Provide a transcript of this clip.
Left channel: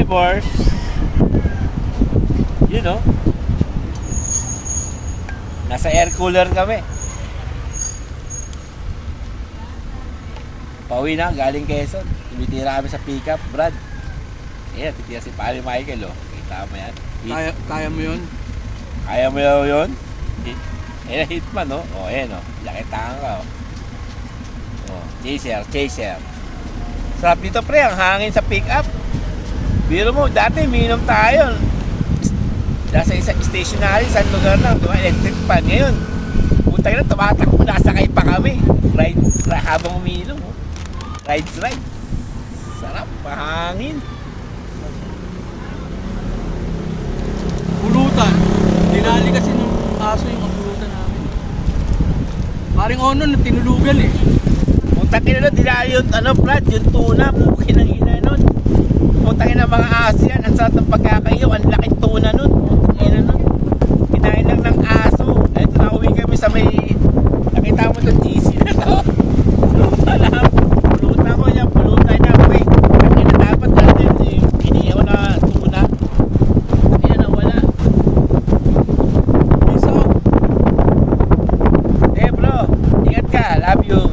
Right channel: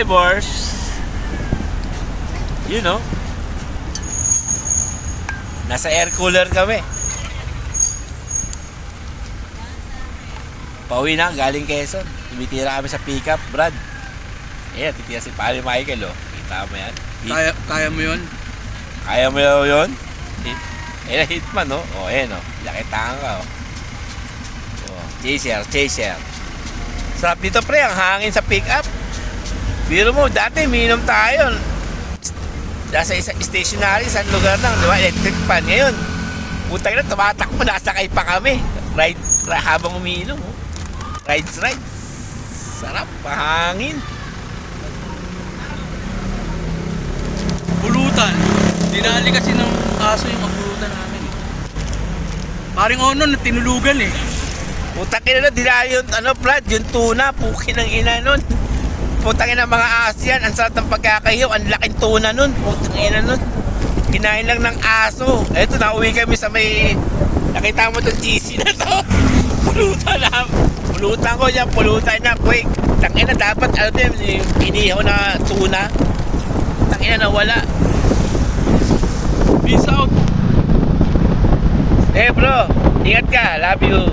drivers. You know. Nasa air cooler kami. Pauwi na, galing Quezon. Tumitira kami sa pickup, Brad. Ayan, titira si Pari Michael, oh. Kita mo yan. Kaya mo yun? Kaya mo yun? Ayan, hitman, oh. Oh, ayan, oh. Lakitaan ka, oh. Oh, chaser. Sarap dito, pre, ang hangin sa pickup. Biro mo, dati minom tayo. Nasa isang stationary, sa lugar ng, diba, electric fan. Ngayon, putang na, tumatakbo, nasakay pa kami. Ride habang umiinom, oh. Rides. Sarap, mahangin. Pulutan. Dinali kasi ng aso yung pagpulutan namin. Paring Ono na tinulugan eh. Putang ina nun, dinali yung, Brad, yung tuna, pukin ng ina nun. Putang ina mga aso yan, ang sarap ng pagkakayaw, ang laking tuna nun. Putang ina nun, kinain lang ng aso. Eto, nauwi kami sa may, nakita mo itong cheesy na to. Pulutan ko yan, pulutan na, boy. Tangina dapat, inihaw na tuna. Tangina nawala. Peace out. Bro, ingat ka, love you.